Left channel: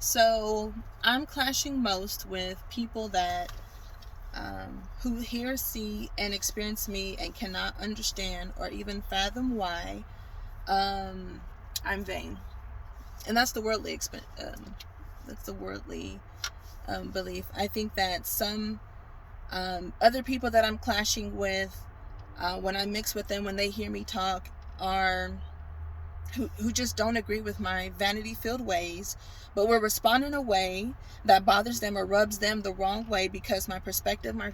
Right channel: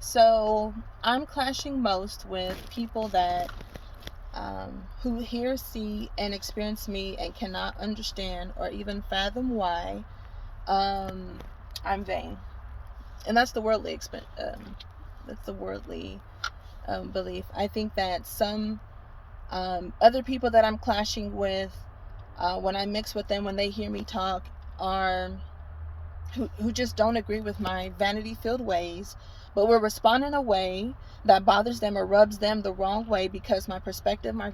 So I'm clashing most with people that who hear, see, and experience me and cannot understand or even fathom why I'm vain, and that's the worldly belief. I think that some other people that I'm clashing with, when I mix with them, when they hear me talk, are who just don't agree with my vanity filled ways, but will respond in a way that bothers them or rubs them the wrong way because my perspective, my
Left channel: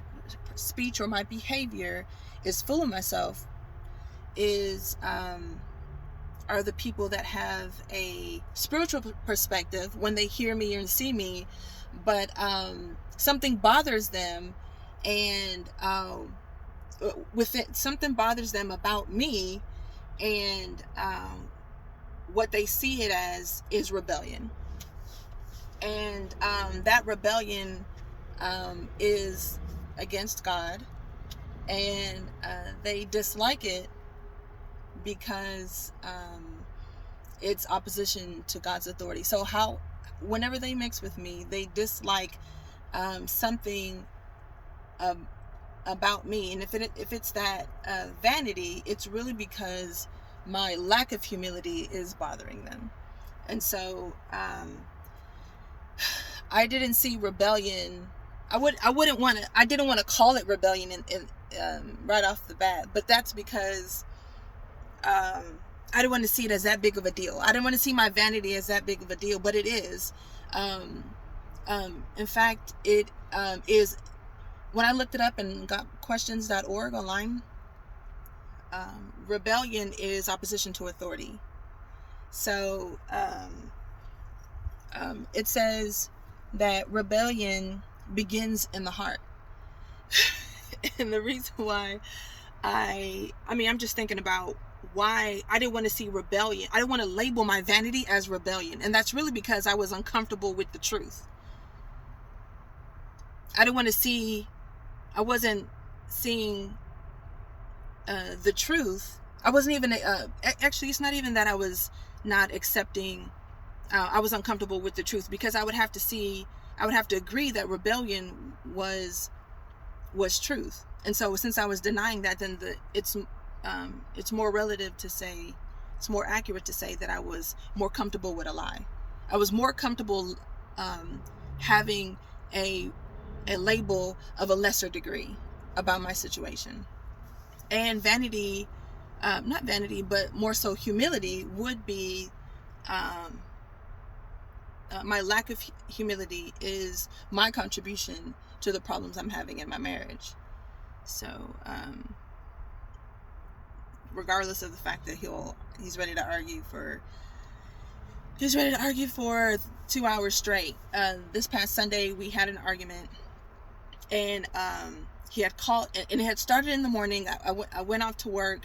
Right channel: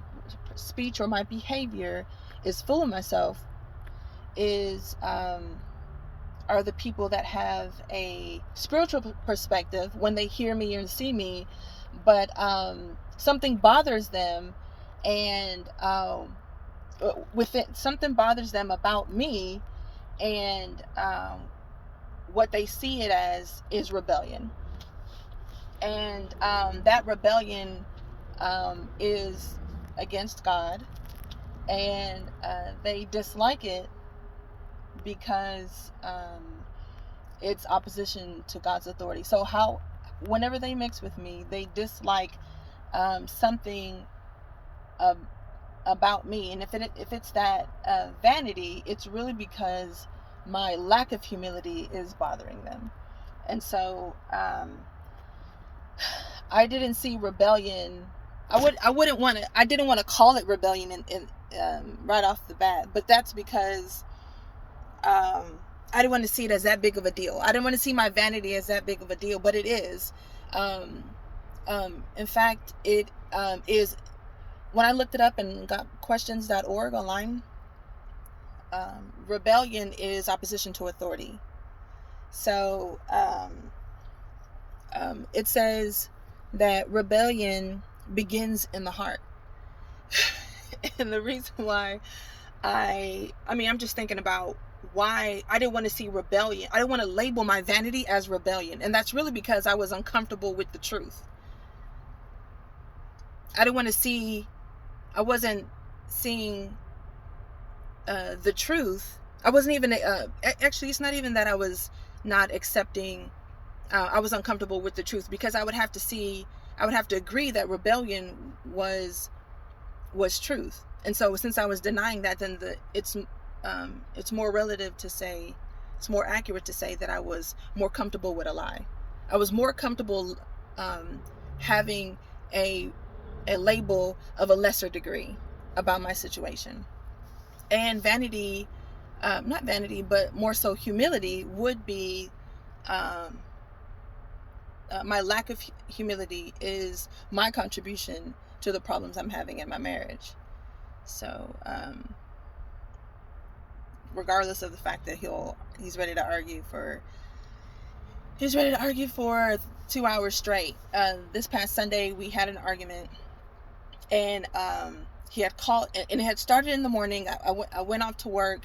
speech, or my behavior is full of myself, is are the people that have a spiritual perspective when they hear me and see me, but something bothers them, and with it, something bothers them about me, and what they see it as is rebellion. And that rebellion is against God, and they dislike it because it's opposition to God's authority. So whenever they mix with me, they dislike something about me, and if it's that vanity, it's really because my lack of humility is bothering them. And so I didn't see rebellion. I didn't want to call it rebellion in right off the bat, but that's because I didn't want to see it as that big of a deal. I didn't want to see my vanity as that big of a deal, but it is. In fact, it is. When I looked it up and got questions.org online, rebellion is opposition to authority. So it says that rebellion begins in the heart. And the reason why I'm just thinking about why I didn't want to see rebellion. I didn't want to label my vanity as rebellion. And that's really because I was uncomfortable with the truth. I wasn't seeing the truth. I wasn't even, actually, it's not even that I was not accepting, I was uncomfortable with the truth, because I would have to agree that rebellion was truth. And so since I was denying that, then it's more relative to say, it's more accurate to say that I was more comfortable with a lie. I was more comfortable having a label of a lesser degree about my situation. And vanity, not vanity, but more so humility, would be my lack of humility is my contribution to the problems I'm having in my marriage. So regardless of the fact that he's ready to argue for 2 hours straight. This past Sunday we had an argument, and he had called, and it had started in the morning. I went off to work.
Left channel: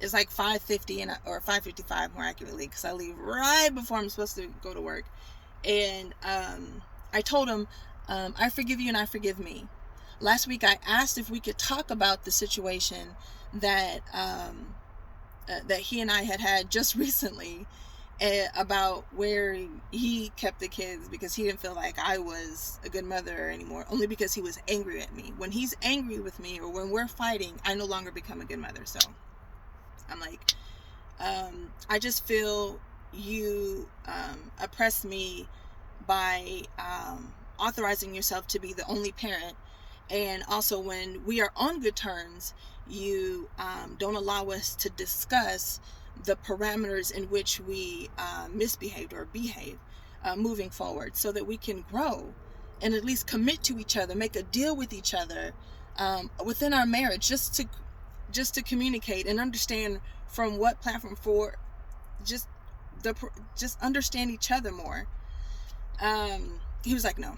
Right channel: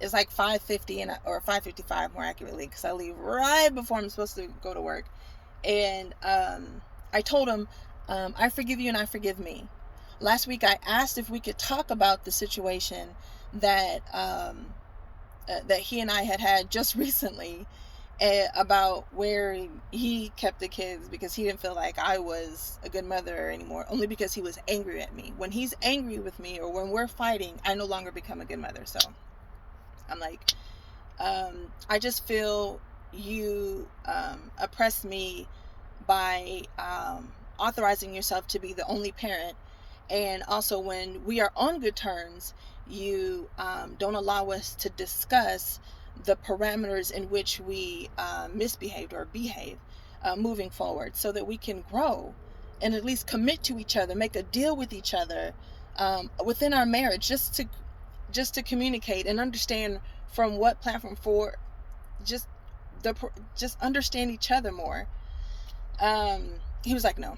It's like 5:50 or 5:55 more accurately, because I leave right before I'm supposed to go to work. And I told him, I forgive you and I forgive me. Last week I asked if we could talk about the situation that that he and I had just recently, about where he kept the kids because he didn't feel like I was a good mother anymore, only because he was angry at me. When he's angry with me, or when we're fighting, I no longer become a good mother. So I'm like, I just feel you oppress me by authorizing yourself to be the only parent, and also when we are on good terms, you don't allow us to discuss the parameters in which we misbehaved or behave moving forward, so that we can grow and at least commit to each other, make a deal with each other within our marriage, just to communicate and understand from what platform, for just understand each other more. He was like, no.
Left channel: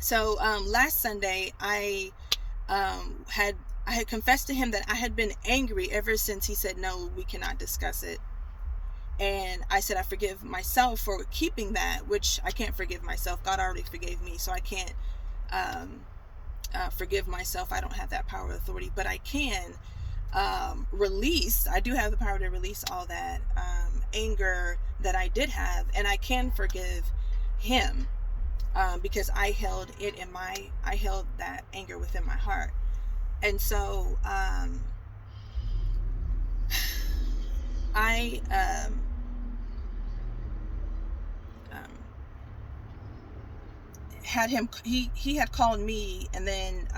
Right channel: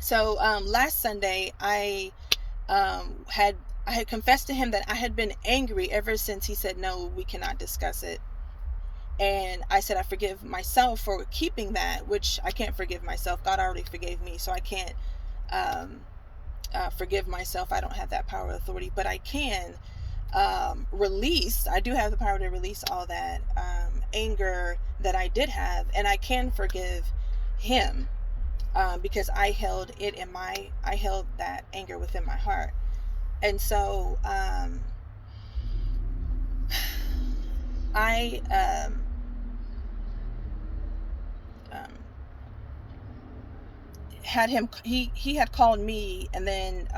So last Sunday I had confessed to him that I had been angry ever since he said, no, we cannot discuss it. And I said, I forgive myself for keeping that, which I can't forgive myself. God already forgave me, so I can't forgive myself. I don't have that power of authority, but I can release. I do have the power to release all that anger that I did have, and I can forgive him, because I held that anger within my heart. And so I had him, he had called me, and then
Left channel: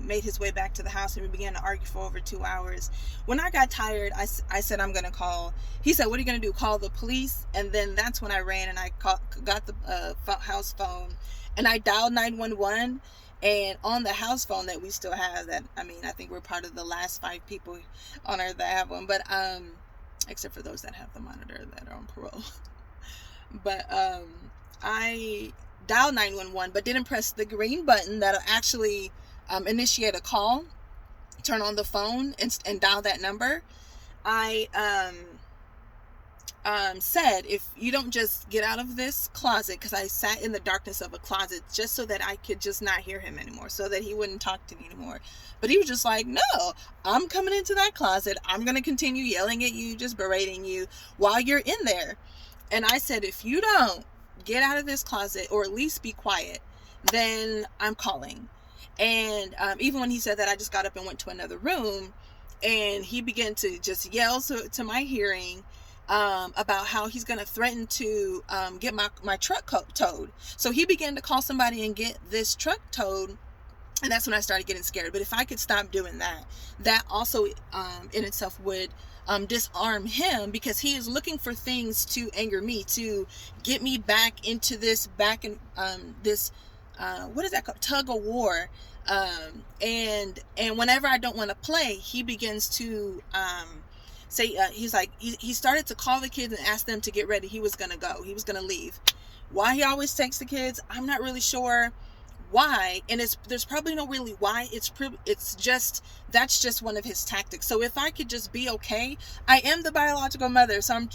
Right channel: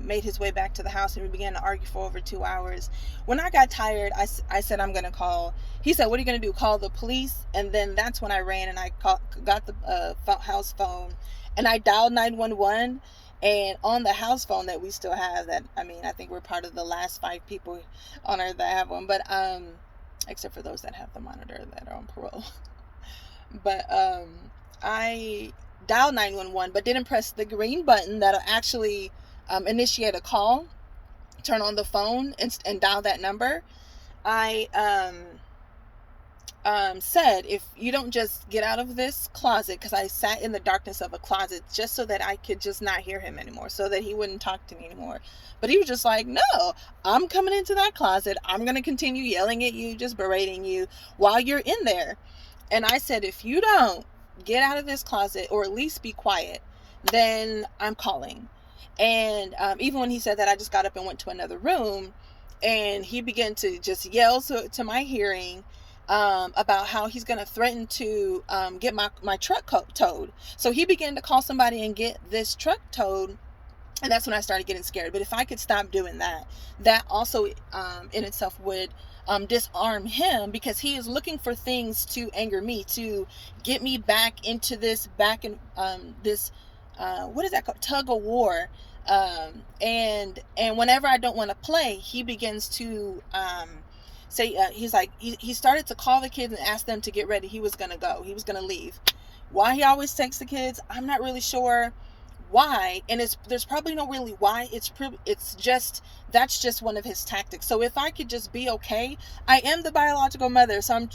made his way back to the house, and we began to argue for over 2 hours. When I got tired, I said, I'm gonna call. He said, what are you gonna do, call the police? And then that's when I ran and I got the house phone, and I dialed 911. And on the house phone that we still have, that, I mean, I think we're part of the last 5 people on earth that have one, but except for those that have the monitor that are on parole. But I dial 911, but didn't press the green button that'll actually initiate a call, turn on the phone, and dial that number. I said, if you don't just get out of this closet, because I sat in the darkness of a closet just so that I could just not hear him anymore, so that he wouldn't talk to me anymore. But he was just like, no, I'm coming into that closet. I'm going to continue yelling at you, just berating you while you're in there. And I said, if you don't get out of this closet, or at least be quiet, then I'm calling. And even when he said that, I just got up and went to another room, and he began to just yell to my hearing about how he's going to threaten to get my truck towed. So he began to call somebody and get this truck towed. And that's when I started getting scared. But if I could stop doing that, that also in itself would disarm him, because he is looking for things to anger me, to get me back into this, what is that called? Tug of war. And whenever I don't want to play, he begins to say, he's like, he started to call the kids and ask them to get ready. He was going to go. He was going to leave. Why he always takes the kids, I'm not really sure why. And there's probably no really why. It's just, that's just one of his tactics. So if I could just be okay, I am the biological mother. So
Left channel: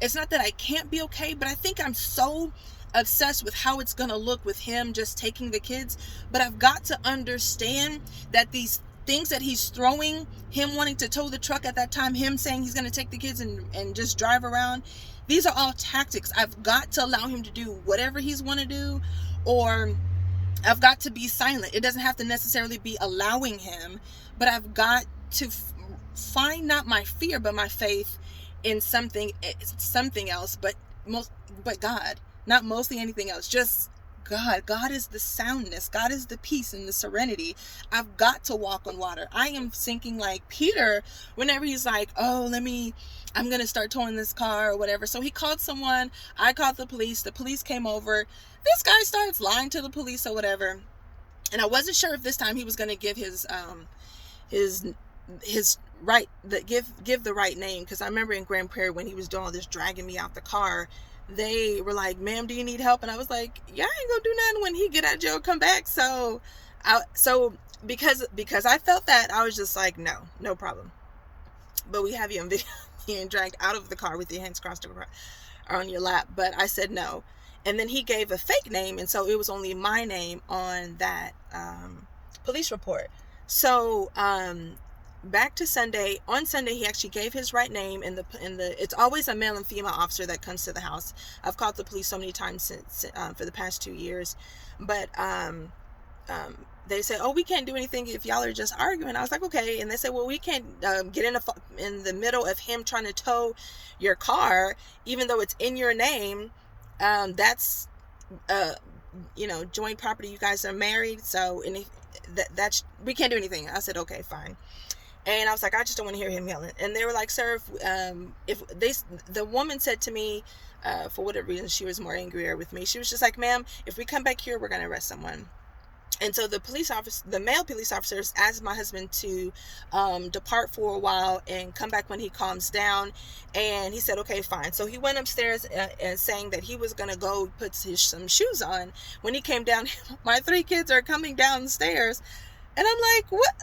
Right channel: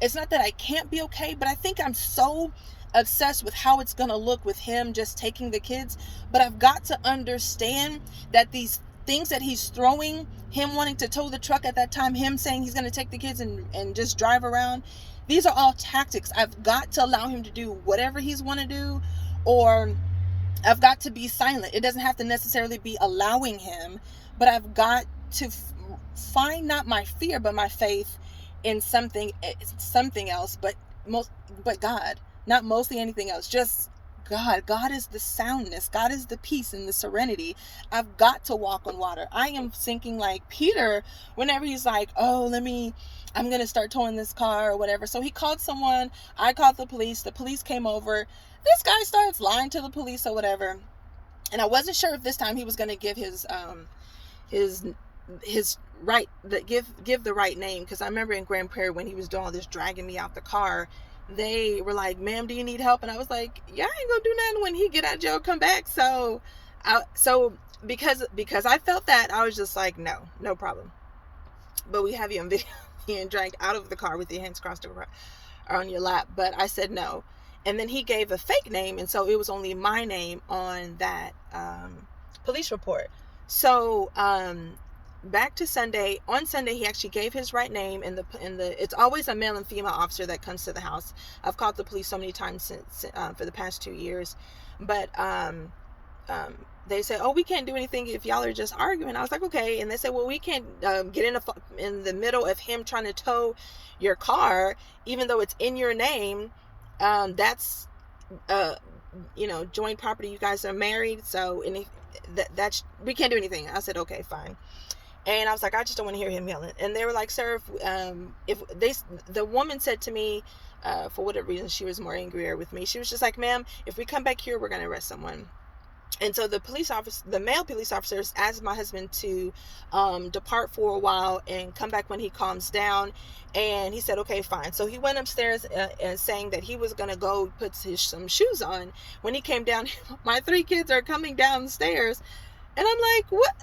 it's not that I can't be okay, but I think I'm so obsessed with how it's going to look with him just taking the kids. But I've got to understand that these things that he's throwing, him wanting to tow the truck at that time, him saying he's going to take the kids and just drive around, these are all tactics. I've got to allow him to do whatever he's want to do, or I've got to be silent. It doesn't have to necessarily be allowing him, but I've got to find not my fear, but my faith in something else, but God, not mostly anything else, just God. God is the soundness. God is the peace and the serenity. I've got to walk on water. I am sinking like Peter whenever he's like, oh, I'm going to start towing this car or whatever. So he called someone. I called the police. The police came over. This guy starts lying to the police or whatever. And I wasn't sure if this time he was going to give his right, give the right name. Because I remember in Grand Prairie when he was doing all this dragging me out the car, they were like, ma'am, do you need help? And I was like, yeah, I ain't gonna do nothing when he get out of jail, come back. So because I felt that, I was just like, no problem. But we have you on video being dragged out of the car with your hands crossed on your lap. But I said no. And then he gave a fake name, and so it was only my name on that police report. So back to Sunday. On Sunday, he actually gave his right name, and it's always a male and female officer that comes to the house. I've called the police so many times since for the past 2 years, but they say, oh, we can't do anything if y'all are just arguing. I was like, okay. And they said, well, we can't get in the middle of him trying to tow your car, even though it's in your name. That's joint property. You guys are married, so that's we can't do anything. I said, okay, fine. And I was like, I just don't want to hear him yelling. And they were like, sir, the woman said to me, for whatever reason, she was more angrier with me. She was just like, ma'am, if we come back here, we're going to arrest someone. And so the male police officers asked my husband to depart for a while and come back when he calms down. And he said, okay, fine. So he went upstairs and saying that he was going to go put some shoes on. When he came down, my 3 kids are coming downstairs. And I'm like, what?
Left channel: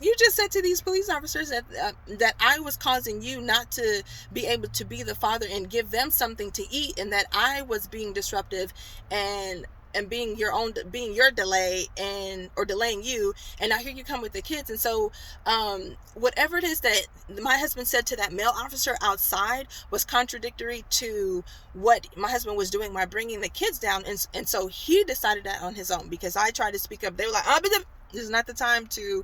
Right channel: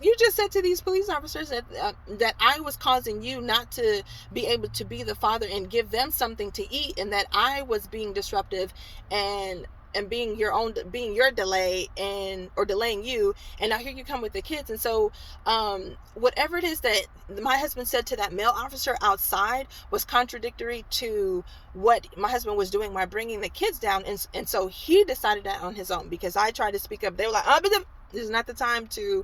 You just said to these police officers that I was causing you not to be able to be the father and give them something to eat, and that I was being disruptive and being your delay or delaying you, and now here you come with the kids. And so whatever it is that my husband said to that male officer outside was contradictory to what my husband was doing by bringing the kids down, and so he decided that on his own, because I tried to speak up. They were like, oh, but this is not the time to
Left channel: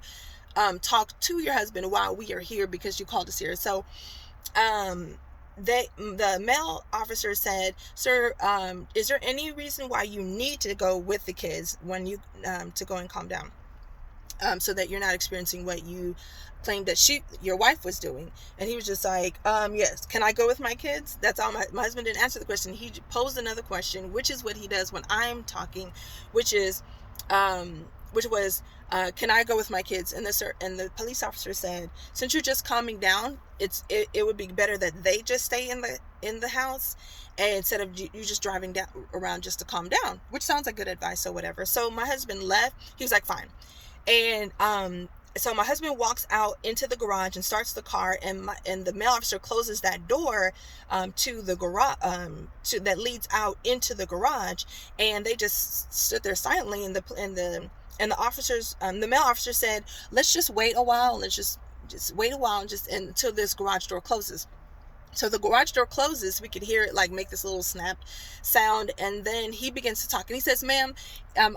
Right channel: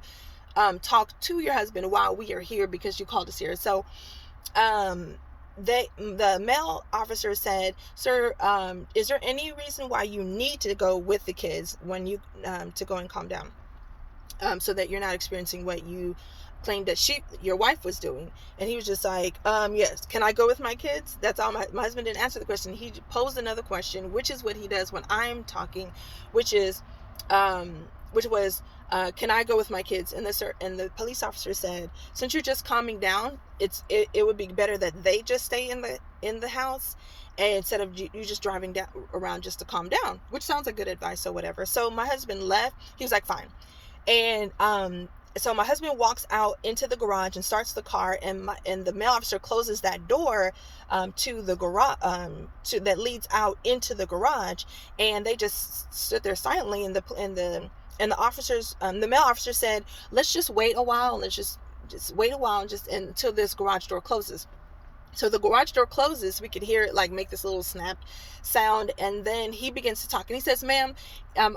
talk to your husband while we are here because you called us here. So the male officer said, sir, is there any reason why you need to go with the kids when you to go and calm down, so that you're not experiencing what you claimed that your wife was doing? And he was just like, yes, can I go with my kids? That's all. My husband didn't answer the question. He posed another question, which is what he does when I'm talking, which was, can I go with my kids? And the police officer said, since you're just calming down, it would be better that they just stay in the house, and instead of you just driving down around just to calm down, which sounds like good advice or whatever. So my husband left. He was like, fine. And so my husband walks out into the garage and starts the car, and the male officer closes that door to the garage, that leads out into the garage, and they just stood there silently. And the officers, the male officer said, let's just wait a while. Let's just wait a while until this garage door closes. So the garage door closes. We could hear it like make this little snap sound, and then he begins to talk. And he says, ma'am,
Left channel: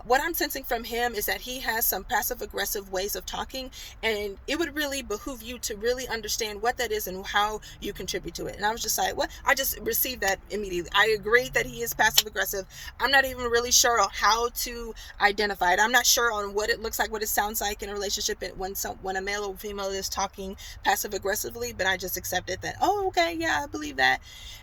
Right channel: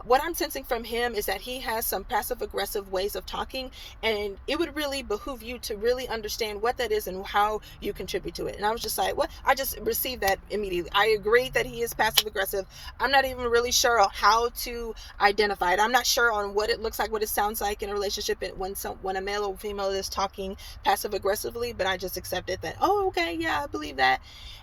what I'm sensing from him is that he has some passive aggressive ways of talking, and it would really behoove you to really understand what that is and how you contribute to it. And I was just like, what? I just received that immediately. I agree that he is passive aggressive. I'm not even really sure on how to identify it. I'm not sure on what it looks like, what it sounds like in a relationship when a male or female is talking passive aggressively, but I just accepted that, oh, okay, yeah, I believe that.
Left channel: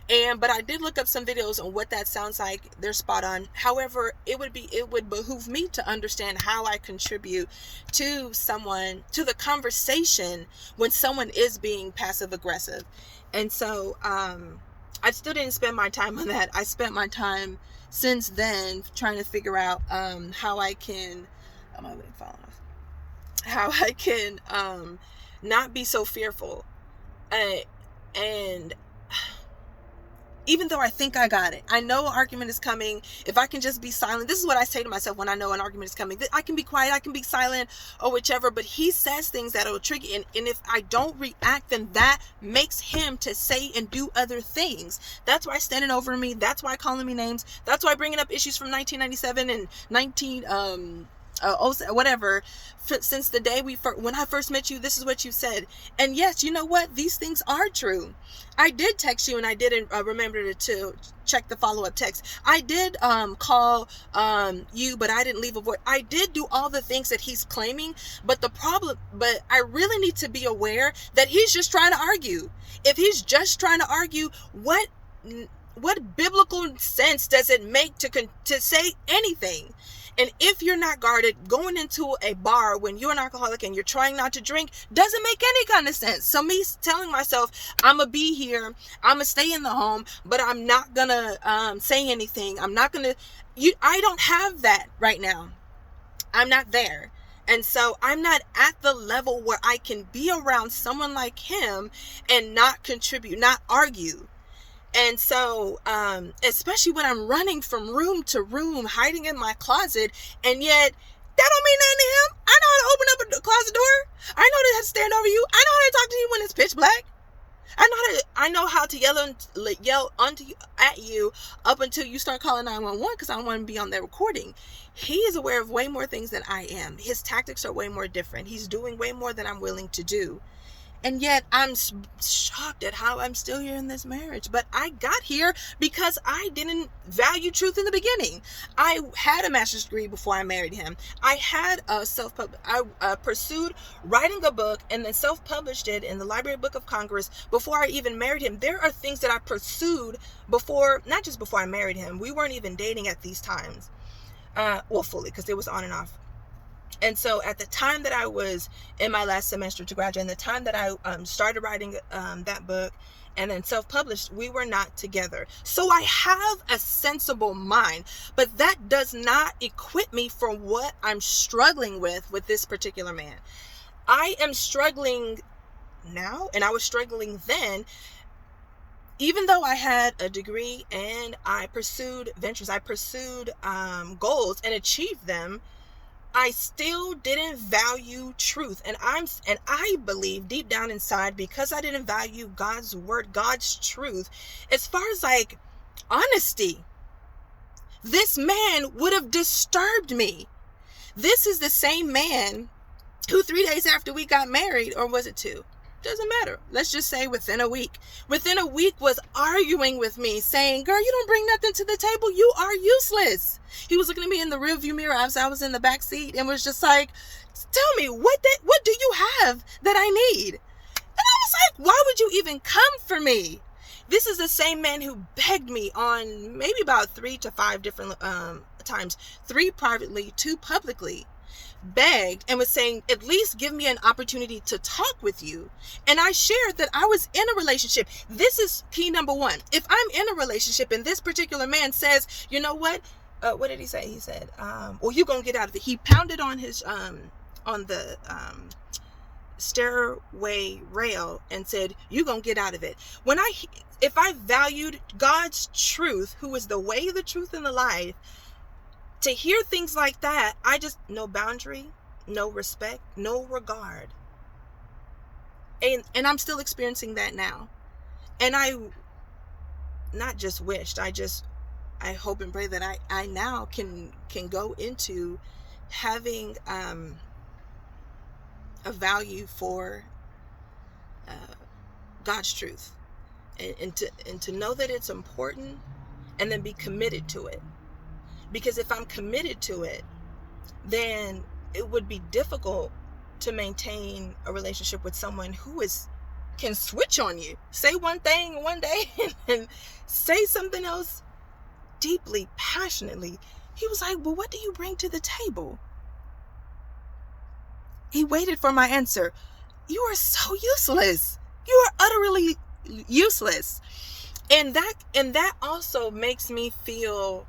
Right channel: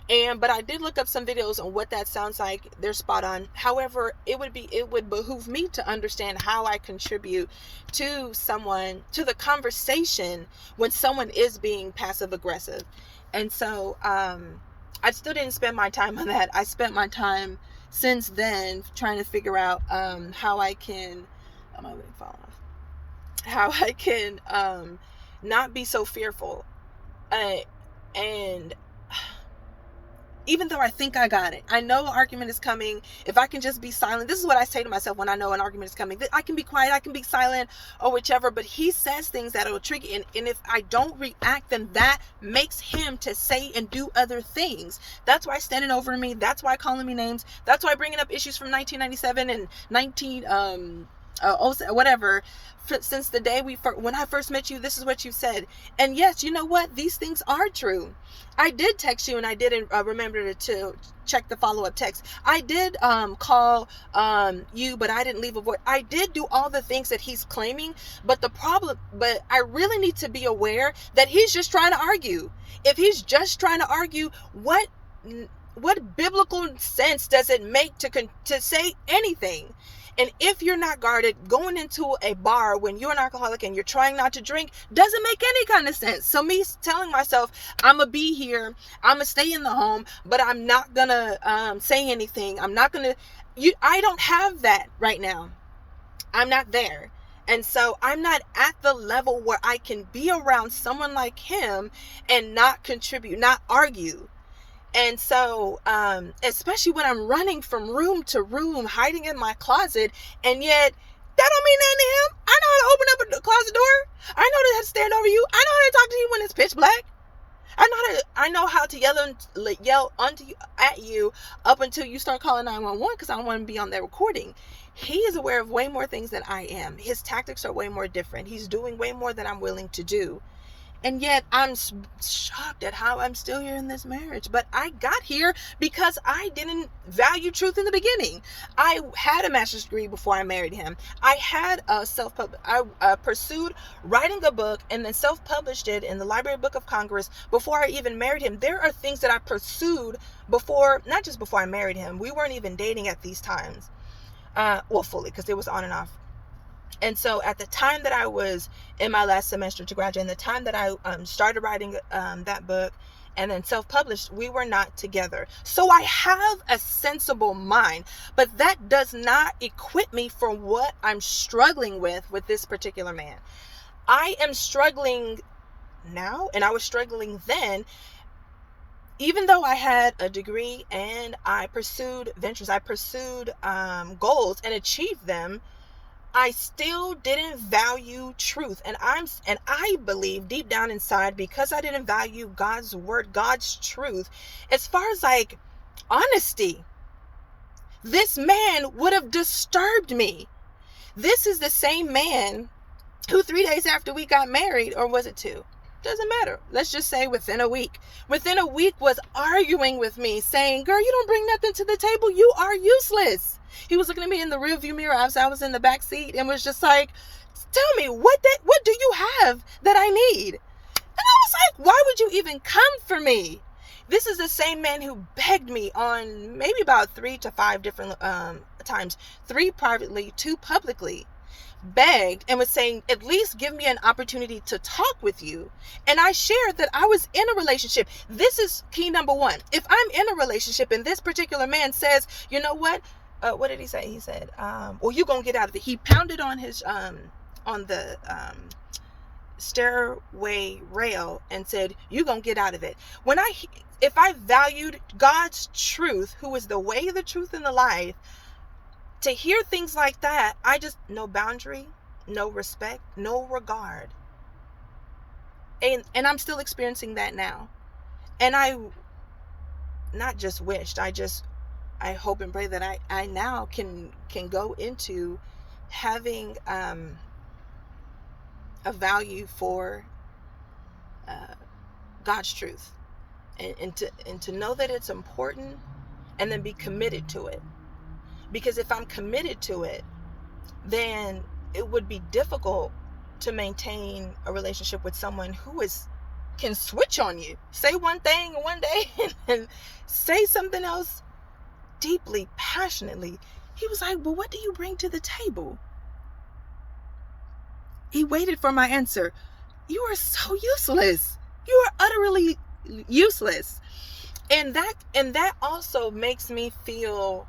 But I did look up some videos on what that sounds like. They're spot on. However, it would behoove me to understand how I contribute to the conversation when someone is being passive aggressive. And so I still didn't spend my time on that. I spent my time since then trying to figure out how I can not be so fearful. And even though I think I got it, I know an argument is coming. If I can just be silent, this is what I say to myself when I know an argument is coming. I can be quiet, I can be silent, or whichever, but he says things that will trigger, and if I don't react, then that makes him to say and do other things. That's why standing over me, that's why calling me names, that's why bringing up issues from 1997 and whatever. Since the day when I first met you, this is what you said. And yes, you know what? These things are true. I did text you, and I didn't remember to check the follow-up text. I did call you, but I didn't leave a voice. I did do all the things that he's claiming, but I really need to be aware that he's just trying to argue. If he's just trying to argue, what biblical sense does it make to say anything? And if you're not guarded, going into a bar when you're an alcoholic and you're trying not to drink doesn't make any kind of sense. So me telling myself, I'm going to be here, I'm going to stay in the home, but I'm not going to say anything. I'm not going to, I don't have that right now. I'm not there. And so I'm not at the level where I can be around someone like him and not contribute, not argue. And so, especially when I'm running from room to room, hiding in my closet, and yet that don't mean nothing to him. I know how to open up a closet door. I know how to stand over you. I know how to talk to you when it's pitch black. I know how to yell at you up until you start calling 911, because I don't want to be on that recording. He is aware of way more things than I am. His tactics are way more different. He's doing way more than I'm willing to do. And yet I'm shocked at how I'm still here in this marriage. But I got here because I didn't value truth in the beginning. I had a master's degree before I married him. I had I pursued writing a book and then self-published it in the Library Book of Congress before I even married him. There are things that I pursued before, not just before I married him. We weren't even dating at these times. Fully, because it was on and off. And so at the time that I was in my last semester to graduate, and the time that I started writing that book, and then self-published, we were not together. So I have a sensible mind, but that does not equip me for what I'm struggling with this particular man. I am struggling now, and I was struggling then. Even though I had a degree and I pursued ventures, I pursued goals and achieved them, I still didn't value truth. And I believe deep down inside, because I didn't value God's word, God's truth, as far as like honesty, this man would have disturbed me. This is the same man who 3 days after we got married, or was it 2? Doesn't matter. Let's just say within a week was arguing with me, saying, girl, you don't bring nothing to the table. You are useless. He was looking at me in the rearview mirror as I was in the back seat and was just like, tell me, what do you have that I need? And I was like, why would you even come for me? This is the same man who begged me on maybe about 3 to 5 different times, 3 privately, 2 publicly, begged and was saying, at least give me an opportunity to talk with you. And I shared that I was in a relationship. This is key number 1. If I'm in a relationship and this particular man says, you know what did he say? He said, well, you gonna get out of it. He pounded on his on the stairway rail and said, you gonna get out of it. If I valued God's truth, who is the way, the truth, and the life, to hear things like that, I just, no boundary, no respect, no regard. And I'm still experiencing that now. And I not just wished, I hope and pray that I now can go into having a value for God's truth, and to know that it's important, and then be committed to it. Because if I'm committed to it, then it would be difficult to maintain a relationship with someone who can switch on you. Say one thing one day and say something else deeply, passionately. He was like, well, what do you bring to the table? He waited for my answer. You are so useless. You are utterly useless. And that also makes me feel,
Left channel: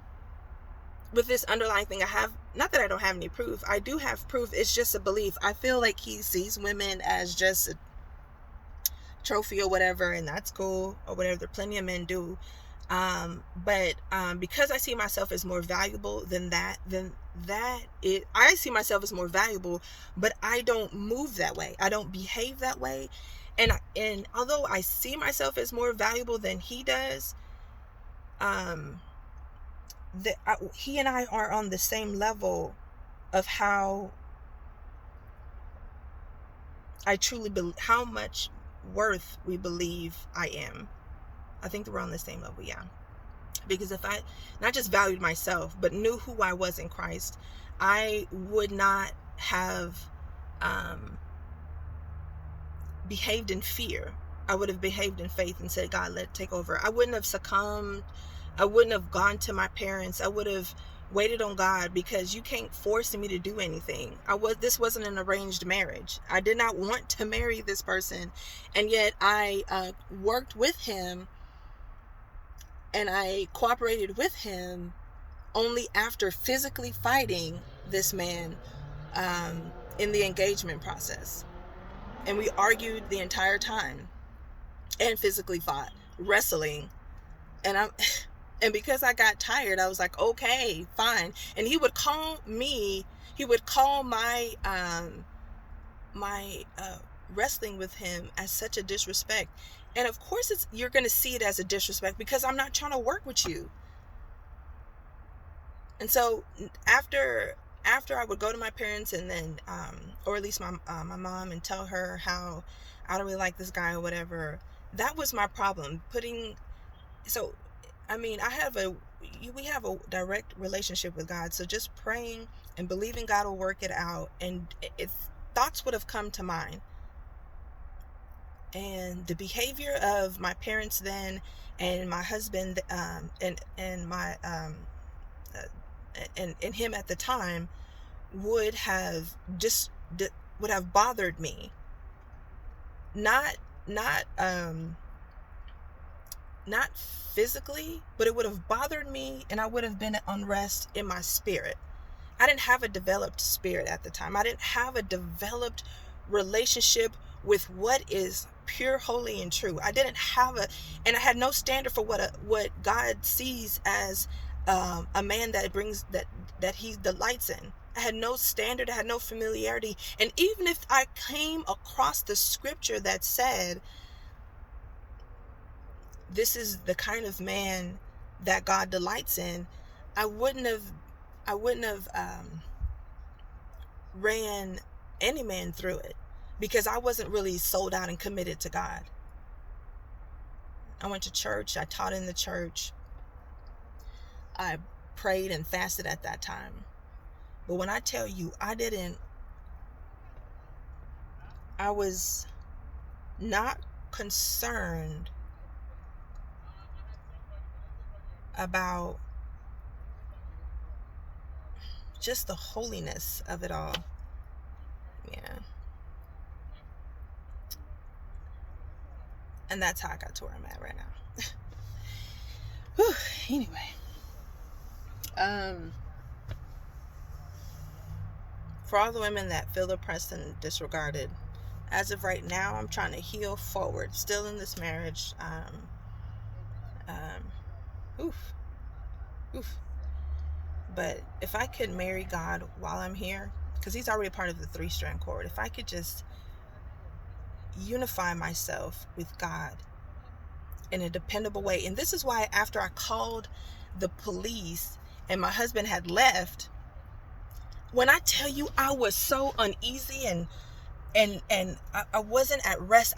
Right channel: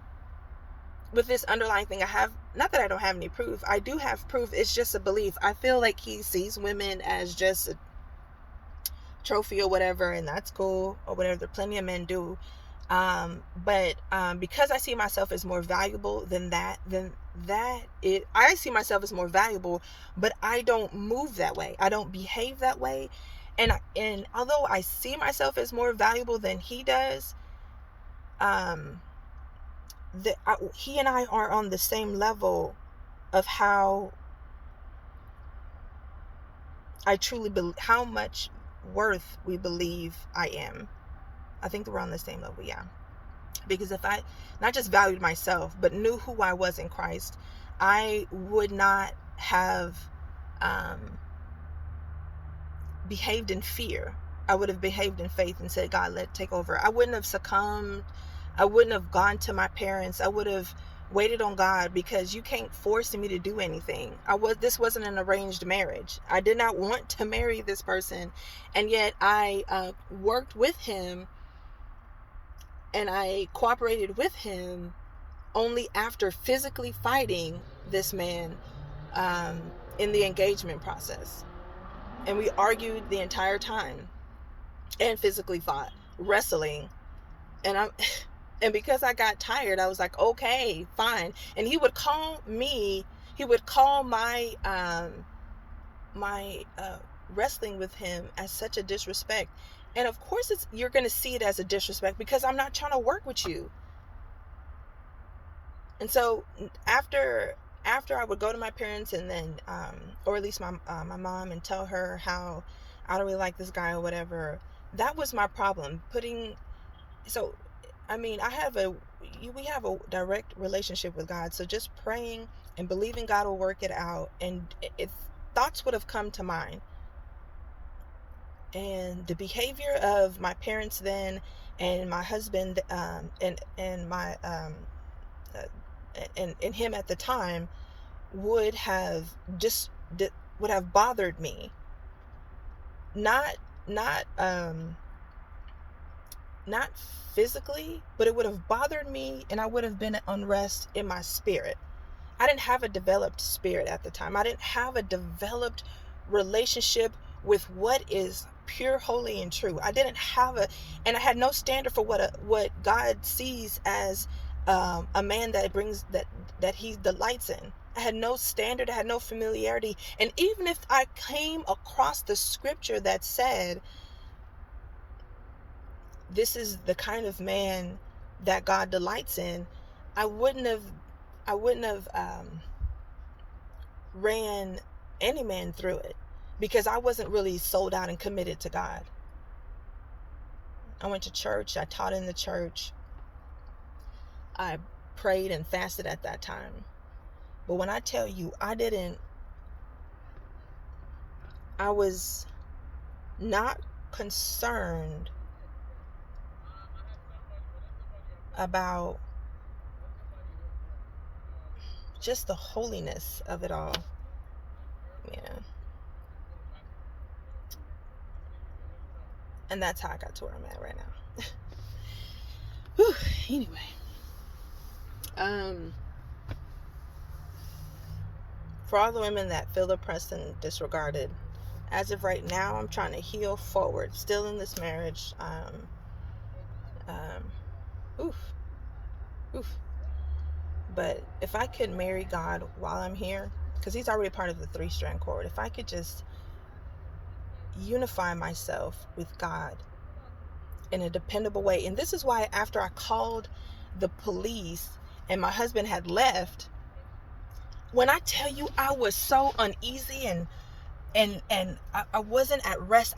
with this underlying thing, I have, not that I don't have any proof, I do have proof, it's just a belief. I feel like he sees women as just a trophy or whatever, and that's cool, or whatever. There are plenty of men do. But because I see myself as more valuable I see myself as more valuable, but I don't move that way. I don't behave that way. And although I see myself as more valuable than he does, he and I are on the same level of how I truly believe, how much worth we believe I am. I think that we're on the same level, yeah. Because if I not just valued myself, but knew who I was in Christ, I would not have behaved in fear. I would have behaved in faith and said, God, let it take over. I wouldn't have succumbed. I wouldn't have gone to my parents. I would have waited on God, because you can't force me to do anything. This wasn't an arranged marriage. I did not want to marry this person, and yet I worked with him and I cooperated with him only after physically fighting this man in the engagement process. And we argued the entire time and physically fought, wrestling. And because I got tired, I was like, okay, fine. And he would call my wrestling with him as such a disrespect. And of course you're going to see it as a disrespect, because I'm not trying to work with you. And so after I would go to my parents, and then, or at least my mom, and tell her how I don't really like this guy or whatever, that was my problem. We have a direct relationship with God. So just praying and believing God will work it out. And if thoughts would have come to mind, and the behavior of my parents then, and my husband, and my and him at the time, would have bothered me. Not not physically, but it would have bothered me, and I would have been at unrest in my spirit. I didn't have a developed spirit at the time. I didn't have a developed relationship with what is pure, holy, and true. I didn't have and I had no standard for what God sees as a man that brings that he delights in. I had no standard. I had no familiarity. And even if I came across the scripture that said, this is the kind of man that God delights in, I wouldn't have ran any man through it, because I wasn't really sold out and committed to God. I went to church. I taught in the church. I prayed and fasted at that time. But when I tell you, I was not concerned about just the holiness of it all. Yeah. And that's how I got to where I'm at right now. Whew. Anyway. For all the women that feel oppressed and disregarded, as of right now, I'm trying to heal forward. Still in this marriage. But if I could marry God while I'm here, because he's already part of the 3-strand cord, if I could just unify myself with God in a dependable way. And this is why after I called the police and my husband had left, when I tell you I was so uneasy and I wasn't at rest,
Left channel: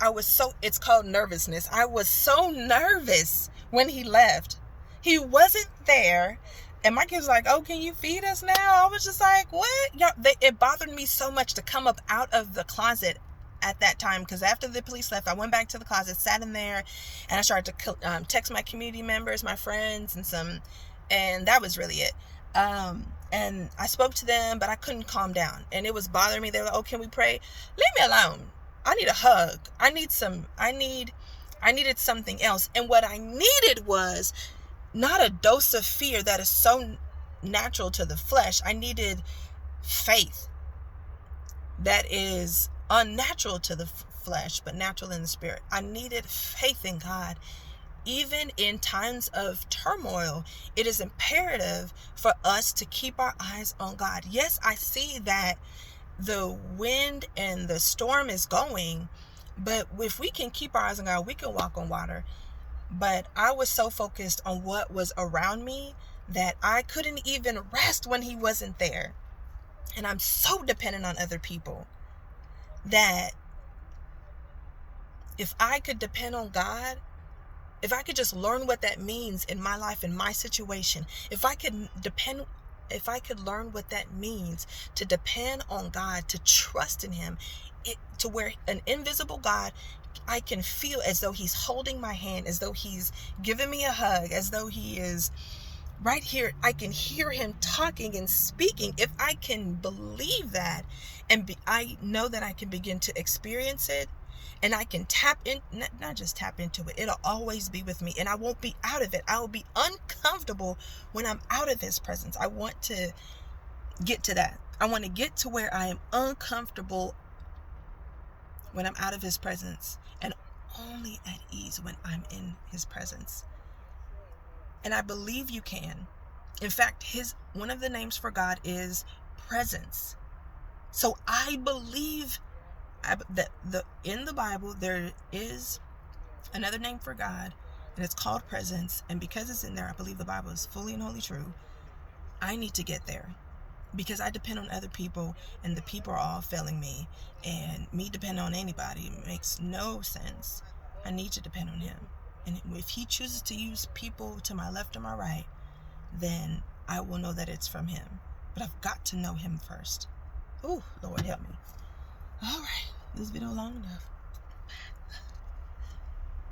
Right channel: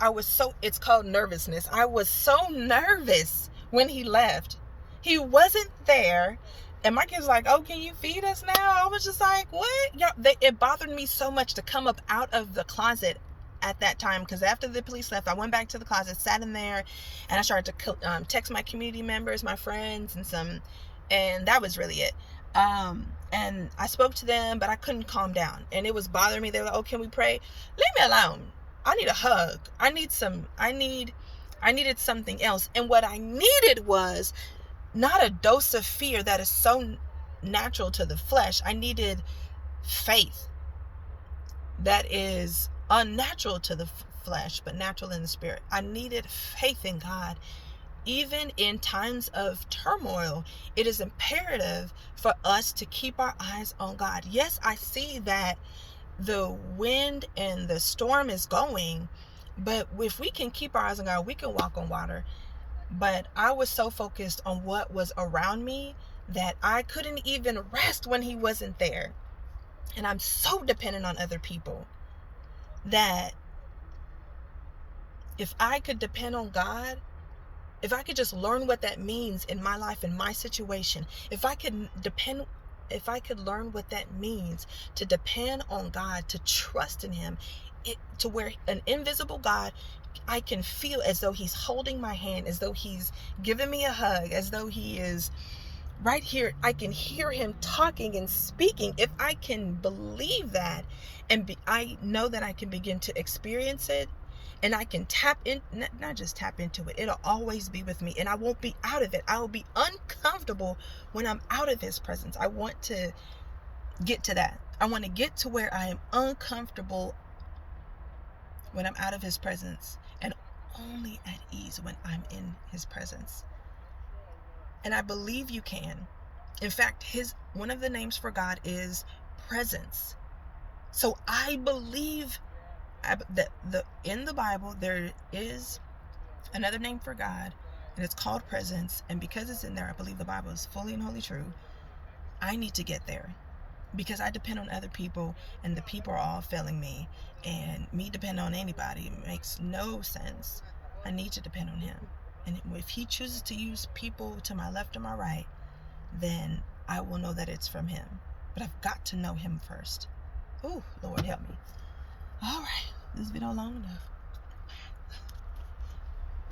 it's called nervousness. I was so nervous when he left. He wasn't there. And my kids were like, oh, can you feed us now? I was just like, what? It bothered me so much to come up out of the closet at that time, because after the police left, I went back to the closet, sat in there, and I started to text my community members, my friends, and that was really it. And I spoke to them, but I couldn't calm down, and it was bothering me. They were like, oh, can we pray? Leave me alone. I need a hug. I needed something else. And what I needed was not a dose of fear that is so natural to the flesh. I needed faith that is unnatural to the flesh, but natural in the spirit. I needed faith in God. Even in times of turmoil, it is imperative for us to keep our eyes on God. Yes, I see that the wind and the storm is going, but if we can keep our eyes on God, we can walk on water. But I was so focused on what was around me that I couldn't even rest when he wasn't there. And I'm so dependent on other people that if I could depend on God, if I could just learn what that means in my life, in my situation, if I could learn what that means to depend on God, to trust in him, to where an invisible God, I can feel as though he's holding my hand, as though he's giving me a hug, as though he is right here. I can hear him talking and speaking. If I can believe that, I know that I can begin to experience it, and I can tap in, not just tap into it. It'll always be with me, and I won't be out of it. I will be uncomfortable when I'm out of his presence. I want to get to that. I want to get to where I am uncomfortable when I'm out of his presence, and only at ease when I'm in his presence. And I believe you can. In fact, one of the names for God is presence. So I believe that in the Bible there is another name for God, and it's called presence. And because it's in there, I believe the Bible is fully and wholly true. I need to get there, because I depend on other people, and the people are all failing me, and me depend on anybody makes no sense. I need to depend on him. And if he chooses to use people to my left or my right, then I will know that it's from him. But I've got to know him first. Oh, Lord help me. All right, this video long enough.